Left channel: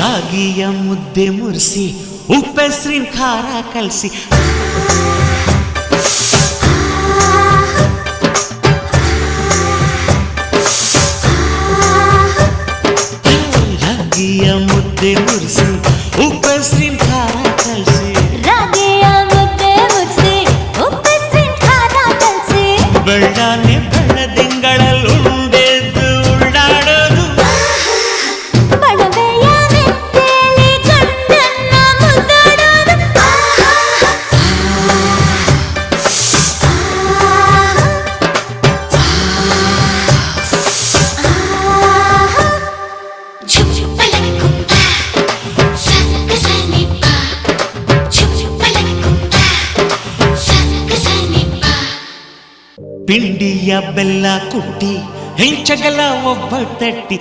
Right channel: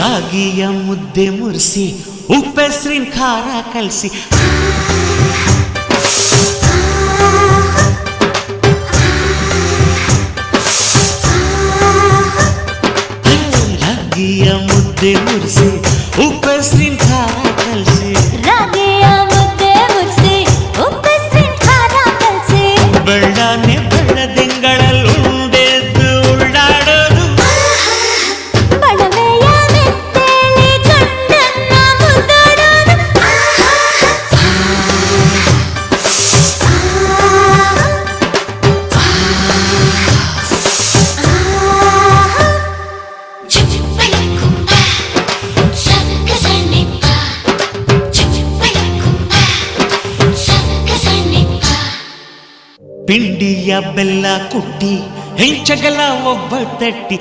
ರಾಗಿಯ ಮುದ್ದೆ ಮುರಿಸಿ ಉಪ್ಪೆಸ್ರಿನ ಖಾರ ಕಲಸಿ ರಾಗಿಯ ಮುದ್ದೆ ಮುರಿಸಿ ಉಪ್ಪೆಸ್ರಿನ ಖಾರ ಕಲಸಿ ರಾಗಿಯ ಮುದ್ದೆ ಮುರಿಸಿ ಉಪ್ಪೆಸ್ರಿನ ಖಾರ ಕಲಸಿ ಬೆಳ್ಳಾನೆ ಬೆಳ್ಳದಿಂಗಳಲ್ಲಿ ಉಂಡೆದ್ದು ಉಳ್ಳಾಡೋದು ಬಣವೆಯ ಮೆತ್ತೇಲಿ ಗಂಡನ್ನ ಮುದ್ದಾಡೋದು ಪಿಂಡಿಯ ಬೆಲ್ಲ ಕುಟ್ಟಿ ಹೆಂಚಗಲ ಒಬ್ಬ ತಟ್ಟಿ